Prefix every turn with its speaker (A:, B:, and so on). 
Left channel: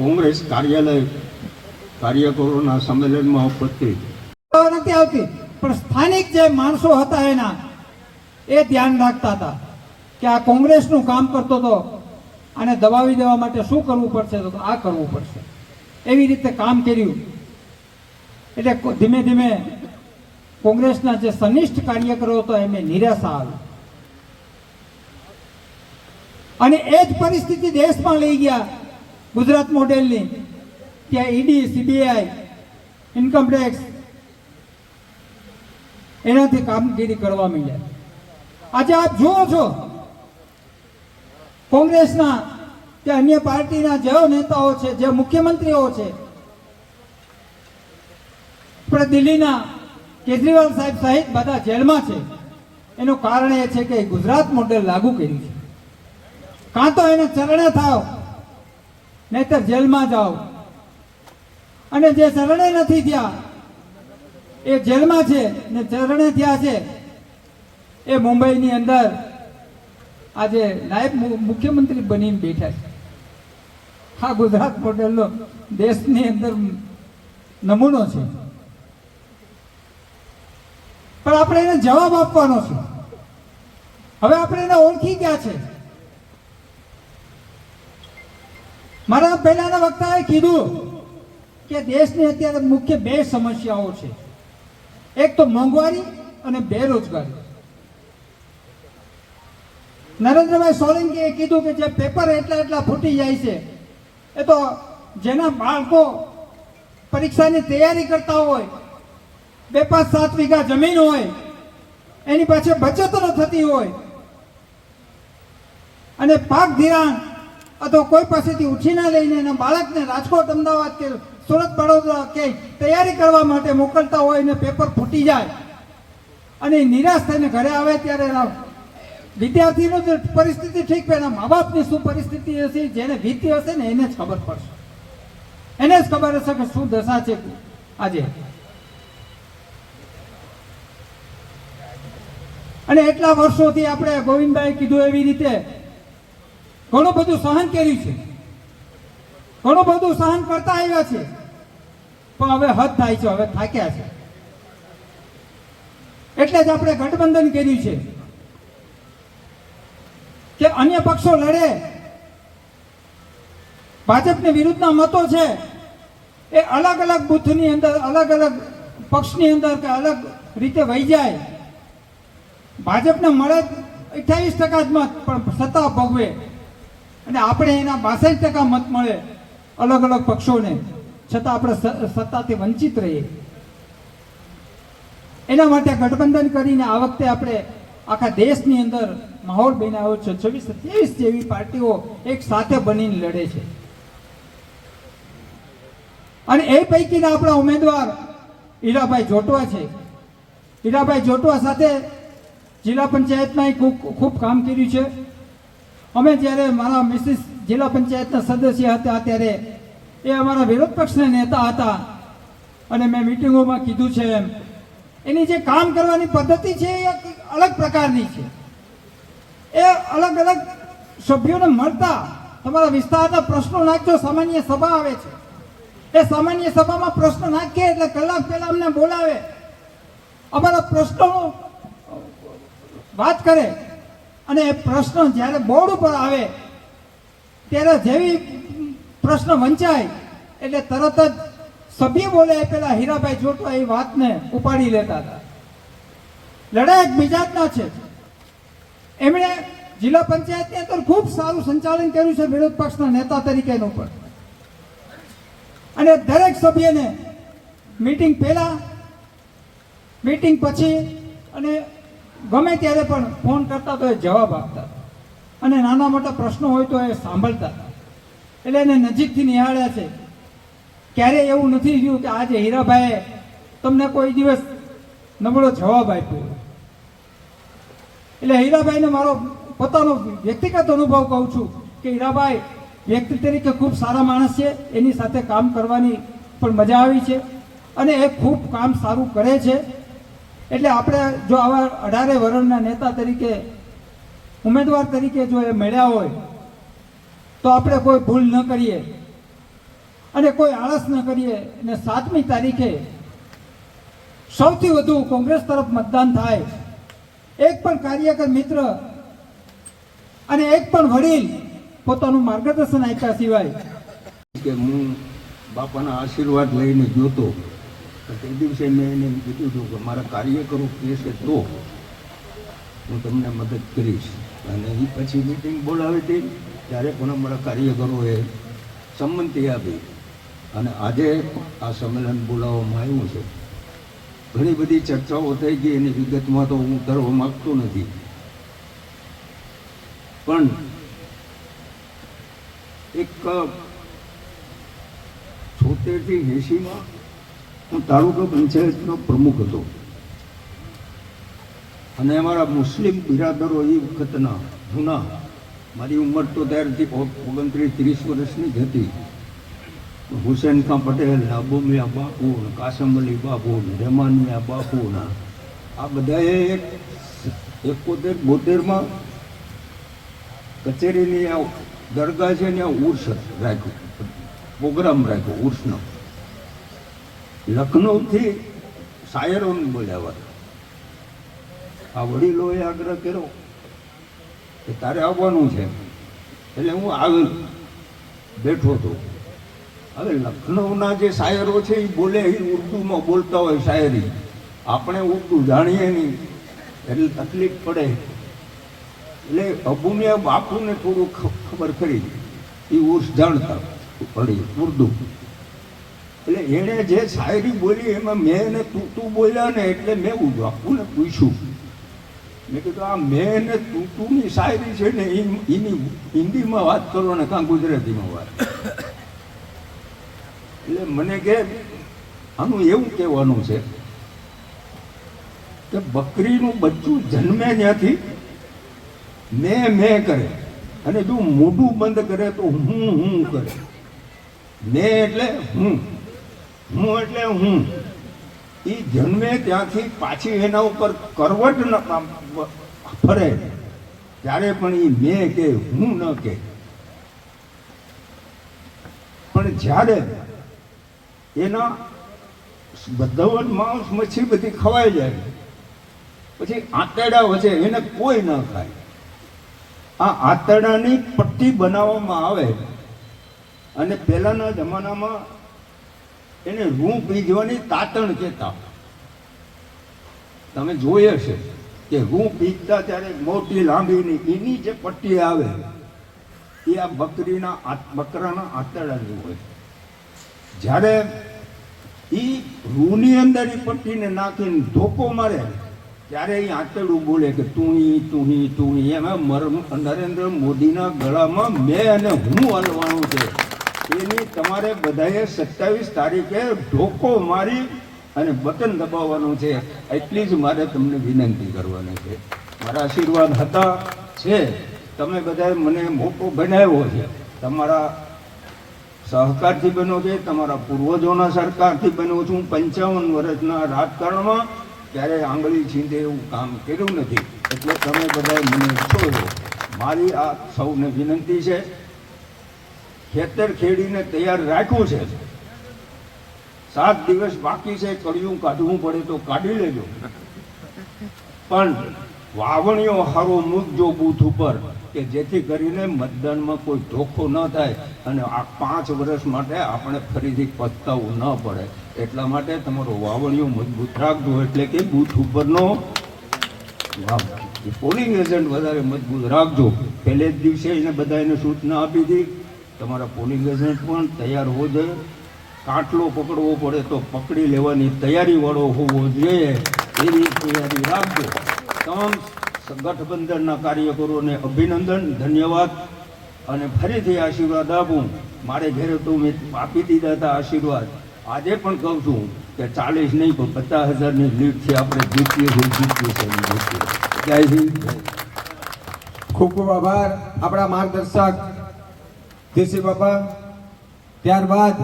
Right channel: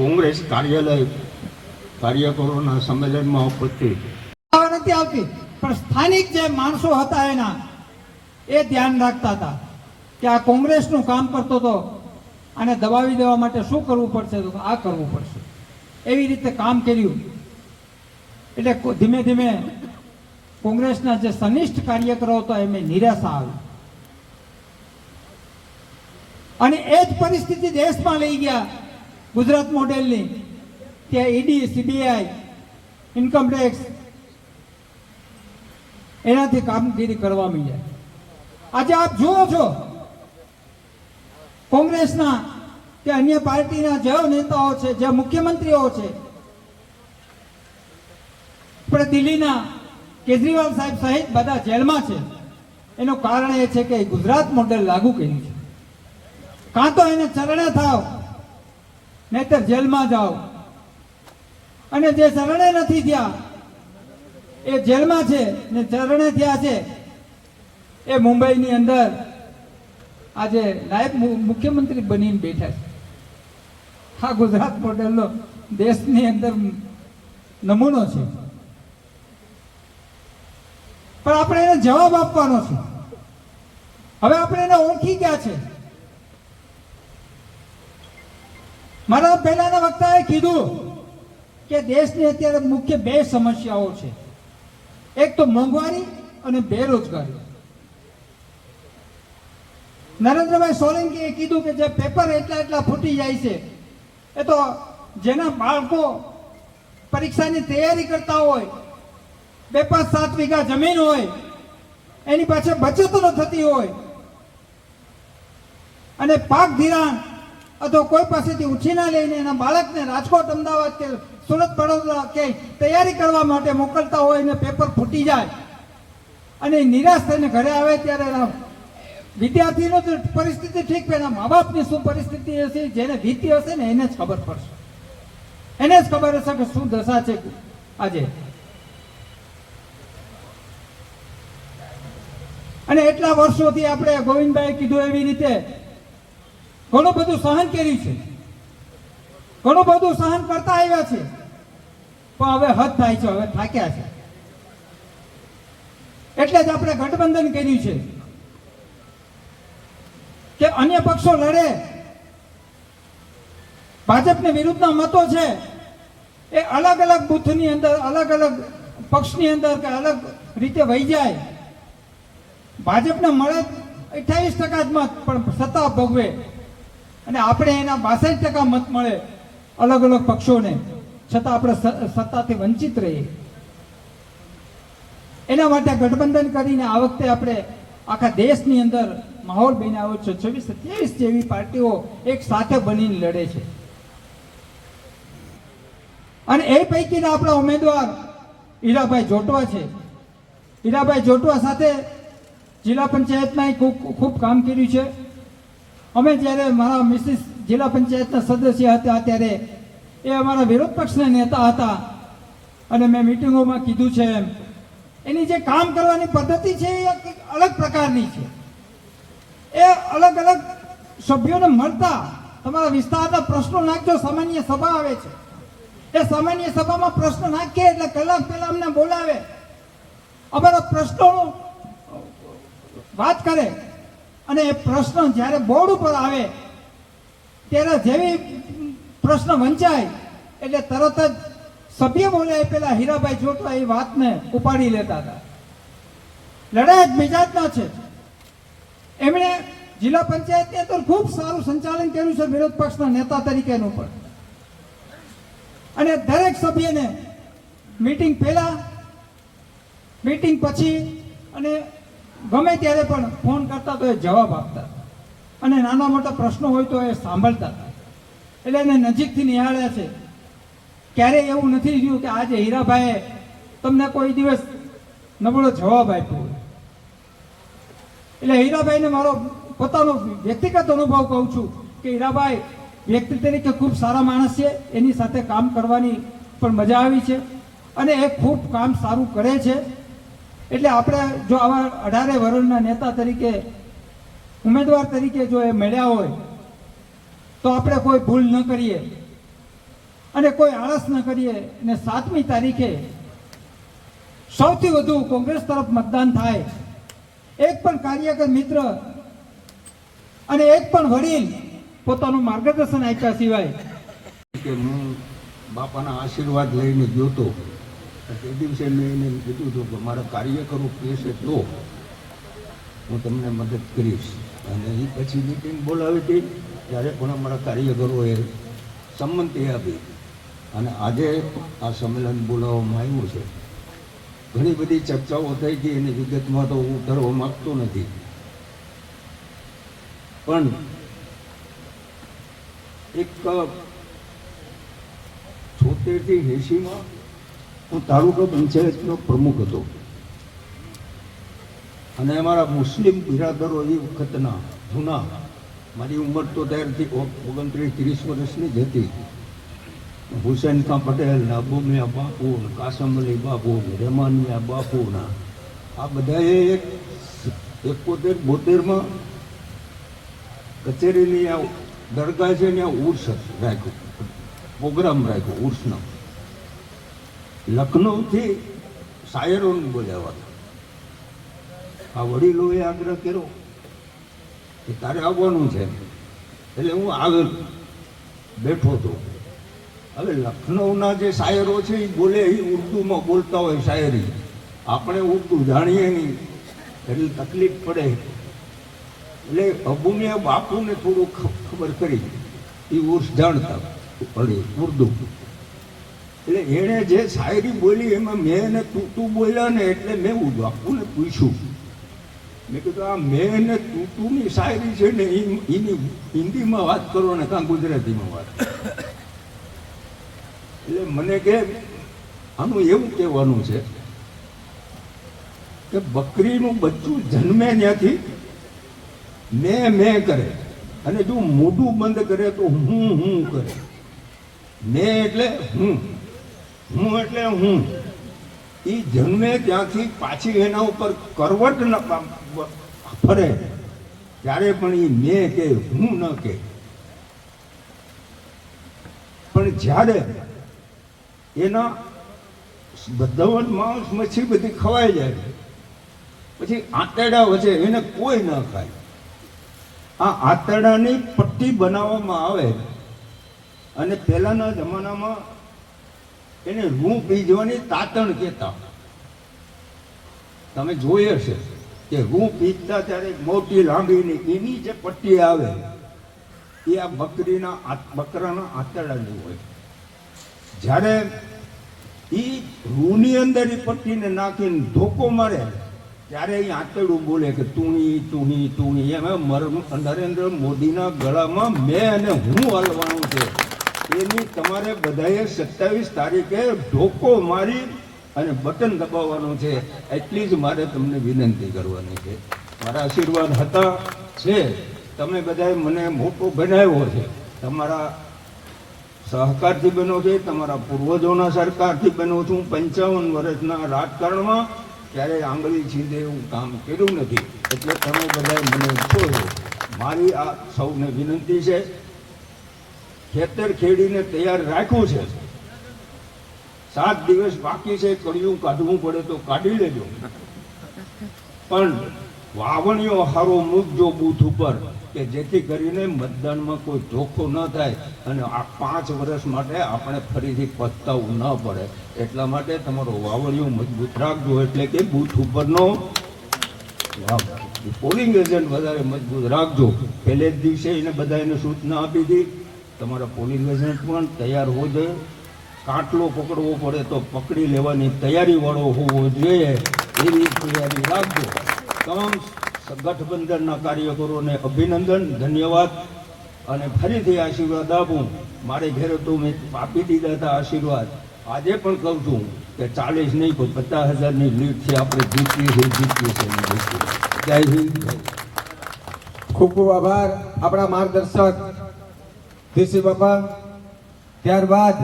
A: કોંગ્રેસ કાર્યાલય કાર્યકરોના સંમેલનમાં ઉપસ્થિત.
B: નથી આવતી, પણ સ્થાનિક જે માણસો હતા એના, એ ધ્યાન રાખતા હતા કે આ કોંગ્રેસનું કામ કરતો હતો અને દબાવી દેવા માટે શું કરવું પડશે તો આ કરવું પડશે. એવી રીતે કામ કર્યું. એટલે ધીમે ધીમે કોંગ્રેસના જે સનિષ્ઠ કાર્યકરો હતા એમને નિરાશા આવી. અને એ જ પરિસ્થિતિ દેશમાં લઈ ગયા. ગુજરાત મોડેલની, ત્યાં ઈડી, સીબીઆઈ, ઇન્કમ ટેક્સ, એનાથી કામગીરી કરવા માંડ્યા. આજે આપ જુઓ છો, કોંગ્રેસના કે અન્ય પાર્ટીના જેઓ નેતાઓ છે, જે મુખ્યમંત્રીઓ છે, આપણે દિલ્હીના કેજરીવાલ સાહેબ સહિત બધા જેલમાં છે. એનું કારણ એ છે કે ગુજરાત મોડેલ લાગુ કર્યું છે. કાં તો એને ચરણે થાવ નહીતર જેલમાં જાઓ. અને જે શરણે નથી થયા, એ જેલમાં છે ને શરણે થયા છે, એ મુંબઈની અંદર આજે નાયબ મુખ્યમંત્રી બનીને બેઠા છે. આ ગુજરાત મોડેલનો દેશની અંદર નમૂનો છે. પણ આપણે એને જવાબ આપવાનો છે. હવે આપણે એને ઓળખી ગયા છે. મારા પહેલાના વક્તાએ કીધું કે દેશની અત્યારે મુખ્ય બે સમસ્યાઓ છે. એક તો મોંઘવારી અને બેરોજગારી. નરેન્દ્રભાઈ સોલંકીએ કીધું કે જે પેપર એટલા એટલા ફૂટી જાય છે, એ તો જેના બાળકો પરીક્ષાની તૈયારી કરતા હોય, બે પાંચ સાત વીઘા જમીન હોય, એની પાછળ બચતો થતી હોય. અને પાક ધિરાણ અથવા કોઈ પાસેથી ઉછીના લઈને એના બાળકને રાજકોટ અમદાવાદ કે સુરત વડોદરા કે તૈયારી કરવા માટે મોકલતા હોય ને પેપર ફૂટી જાય અને નિરાશ થઈને ઘરે આવે ત્યારે વિદ્યાર્થીની તો પરિસ્થિતિ ઠીક પણ એના મા બાપની શું પરિસ્થિતિ હશે જેને વીતી હશે ને એને જ ખબર પડશે. એને જ ખબર હશે કે શું દશા છે આજે. અને એટલા વર્ષોથી આપણે ગોવિંદભાઈ કીધું એવી રીતે ઘણું બધું સહન કર્યું છે. ઘણું બધું સહન કરતા આવ્યા છે. પણ હવે હદ થાય છે, હવે થાક્યા છે. એટલે જ આપણે ગઠબંધન કર્યું છે. કે અન્ય પક્ષો લડે. ભાજપની વિરુદ્ધના મતો છે. એ અલગ અલગ બુથની અંદર, અલગ અલગ પક્ષની અંદર કે અલગ રીતે વહી જાય. ભાજપને મળે અઠ્યાવીસ ટકા જ મત, પણ સત્તા ભોગવે. અને આપણે એના બાસઠ ટકા મત મળે અલગ અલગ પક્ષોને, છતાં આપણે સત્તાથી વંચિત રહીએ. એના માટે ગઠબંધન કરીને આ વખતે આપણે આખા દેશની અંદર માહોલ બનાવ્યો છે. છવ્વીસ સત્યાવીસ જેવી પાર્ટીઓ એક સાથે બનીને લડે છે. અને એ પૈકીના આપણા ઉમેદવાર ઈરાભાઈ જોટવા છે. ઈરાભાઈ જોટવા સાથે જિલ્લા પંચાયતમાં ખૂબ ખૂબ કામ કર્યું છે. અમે જ્યારે મારા મિસિસ જિલ્લા પંચાયતના સદસ્ય હતા ત્યારે એ અમારા વિરોધ પક્ષના નેતા હતા અને મેં મિટિંગોમાં કીધું છે એમ. એની જે કામ કરવાની પદ્ધતિ છે એ અલગ પ્રકારની છે. એ અલગ અલગ સભ્યોને મળતા તમારા વિસ્તારના પ્રશ્નો નાખજો, સામાન્ય સભા આવે છે. એ સામાન્ય સભામાં પ્રશ્ન નાખીએ એટલે કલાક પહેલા અમને બોલાવે. અમારા પ્રશ્નો વાત કરે. અને એ પ્રશ્ન જ્યારે બોર્ડ ઉપર આવે, ત્યારે જેવી પ્રશ્ન વંચાય, એટલે તરત જ સભ્ય બોલે પેલા હીરાભાઈ ચોટલા એ વાતને ઉપાડી લેતા હતા. લડાઈ એક મિજાજના છે. એમણે જિલ્લા પંચાયતની અંદર ખૂબ સારું સંચાલન કર્યું છે વિરોધ પક્ષના નેતા તરીકેનું પણ. અને દરેક સભ્યને મીટિંગ પહેલા, મીટિંગ પછી અને ગમે ત્યારે પણ ફોન કરતા તો એ જવાબ આપતા. અને નાના મોટા પ્રશ્નો હોય તો એ સાંભળતા. એટલે એને નજીકથી નિહાળ્યા છે. ક્યારે એવું નથી થયું કે આજે હીરાભાઈએ તમને કોઈ દિવસ નબળો જવાબ આપ્યો એટલે હીરાભાઈને મારો પોતાનો વ્યક્તિગત અનુભવ કહું છું કે હીરાભાઈ વ્યક્તિ તરીકે ખૂબ સારા માણસ છે, એની સાથે કામ કરવાની પણ મજા આવી છે અને એ ખૂબ કામ સારું કરે છે. એટલે આપણે જો આવા અઢારે વર્ષના નેતા તરીકે, ઉમેદવાર તરીકે જો એ મળ્યા હોય, તો આપણે કોઈ ભૂલ ન કરીએ અને કોઈ આળસ ન કરીએ. અને સાતમી તારીખે સૌથી વધુ કોંગ્રેસ તરફ મતદાન થાય. એક પણ કાર્યકર મિત્ર અને એક પણ વડીલ પોતાનું માર્ગદર્શન આપ્યા સિવાય.
A: કે હું બાપાના આશીર્વાદ લઈને જોતો તો તે દિવસે મેં એને કીધું હતું કે મારા કાર્યકરો કહેશે તો હું તમને મદદ કરીશ. અને એ પછી મિટિંગ બોલાવી હતી ત્યારે પણ અમારા કાર્યકરોએ સંમતિ આપી. અને આજે આ સંમેલન બોલાવવામાં આવ્યું છે. ઘણી બધી ચર્ચાઓ થઈ ગઈ, એની વિગતમાં તો હું કરવા માગતો નથી. પણ એક છોતેરથી એંશીમાં હું તાલુકા પંચાયતનો પ્રમુખ હતો. અને અમારા મુસ્લિમ બિરાદરો એ વખતના જૂના, મારી ઉંમર તો ત્યારથી ઓગણત્રીસ, ત્રીસ વર્ષની જ હતી. હુસેન ખાં પટેલ ને બાપુ, કાસમ અલી બાપુ રહેમાનિયા રહેમાન મિયા બાપુ ને આ બધાએ એક એકોતેર, બોતેરમાં કચેરીની આ દરગાહ છે ને ઉર્સ રાખ્યું, પ્રોગ્રામ રાખ્યો, ઉર્સનો. લખનૌથી શાયરોને બોલાવવા આ વડીલોએ આગ્રહ કર્યો કે તારે આવવાનું છે. એટલે હું આવ્યો બેઠો હતો. હવે લખનૌના જે શાયરો છે એ બોલે એ ઉર્દુમાં બોલતા હોય શાયરી. આપણે ઉર્દુ જાણીએ નહીં, એટલે તકલીફ પડે. એટલે અબુમિયા બાપુને થોડું ખબર કરી. એ ઉર્સ જાણતા પડી ઉર્દુ. એટલે એણે જે શાયરી બોલી એમાં મેં એને તું તું બોલ્યા ને એટલે મેં હું બાપુને પૂછ્યું. મેં કીધું, આ મેં ને તું તુંની શાયરી છે ને એની હિન્દીમાં વાત કરો ને કાં ગુજરાતીમાં વાત એટલે મને કે, આનું એવું કહેવાનું છે કે બકરીનું બચ્ચું જન્મે ત્યાંથી, મેં મેં કરે. અને જો મોઢું બંધ કરે તો હું હું કરે. મેં એટલે હું. હું એટલે હું. એ જન્મે ત્યાંથી પાછી એના ઉપર કરવટ ન ફરે. ત્યારે પણ એ મેં કે, હું ન કે. પણ જ્યારે એના બધવટ માંસ મચ્છી બધી ખવાઈ જાય પછી આંતરડા વચ્ચે એને કોઈ ન ખાય. આ આંતરડાની પટ્ટી બનાવવામાં આવે. અને પહેલાના જમાનામાં એને રૂં પીજવાની તાતણ કહેતા તમે જોઈ હશે કે હું પીજતા ત્યારે મોટી લાંબીની એની જે પટ્ટી આવે, એ આ બકરીના બકરાના આંતરડાની હોય. જ્યારે એ રૂની અંદર એ પટ્ટીને નાખીને ધોકો મારે, ત્યારે એ આંતરડું બોલે કે તું તું તું એમાં નરેન્દ્ર મોદીના ગળામાં મેં અને હું હલવાનું છે. એની તમારે બધાએ સત્તાવીસ તારીખે ઢોકો મારી અને બટન દબાવવાનું છે. એટલી જ મારે તમને વિનંતી કરવાની છે. મારા આશીર્વાદ હતા, છે. તમે બધાએ મને મોટો બનાવ્યો છે. તમારા સહકારથી બન્યો છે, તમારા પૂર્વજોના સરકારથી બન્યો છું. પંચાવન વર્ષના રાજકારણમાં ત્યારે આંગળી છીંદે એવું કામ કર્યું નથી. એટલે તમે બધાએ મને છો મારી આ સૌને વિનંતી છે. ખેતર ખેડીને તૈયાર રાખ્યું છે. સાત દિવસ બાકી છે કડિયું કાઢવું પડે તો કાઢી લેજો. પણ વાવણીઓ હારો મૂકજો બૂથ ઉપર, કે જેથી કરીને મતદાનમાં કોઈ ધોખો ન થાય અને આ પાંચ વર્ષ માટે આપણે ફરીથી પસ્તાવું ન પડે. એટલા માટે તમારો વાવણીઓ મજબૂત રાખજો, એટલે કે બૂથ ઉપરનો પોલિંગ એજન્ટ વધારે મજબૂત રાખજો. પહેલે જ દિવસે એને બધાને સૂચના આપી હતી તમારા પોલીસ એજન્ટ પણ તૈયાર હોવો જોઈએ. કાટલો પકડવો પડે તો પકડી લેવાની તૈયારી વાળો હોવો જોઈએ. એવી તૈયારી રાખજો. તમામ ગઠબંધનના કાર્યકરોને અભિનંદન, ધન્યવાદ. અને ફરીથી આશીર્વાદ આપું. મારે ઘેરે તો મેં આપી દીધા હતા આશીર્વાદ. આજે પણ કહું છું કે ચાલીસ નહીં, પણ પચાસ હજારની લીડથી આપણે જીતીએ છીએ જીતીએ છીએ. જય હિન્દ.
C: ખૂબ ખૂબ આભાર. આપણા માર્ગદર્શક દેશી બાપા ત્યારબાદ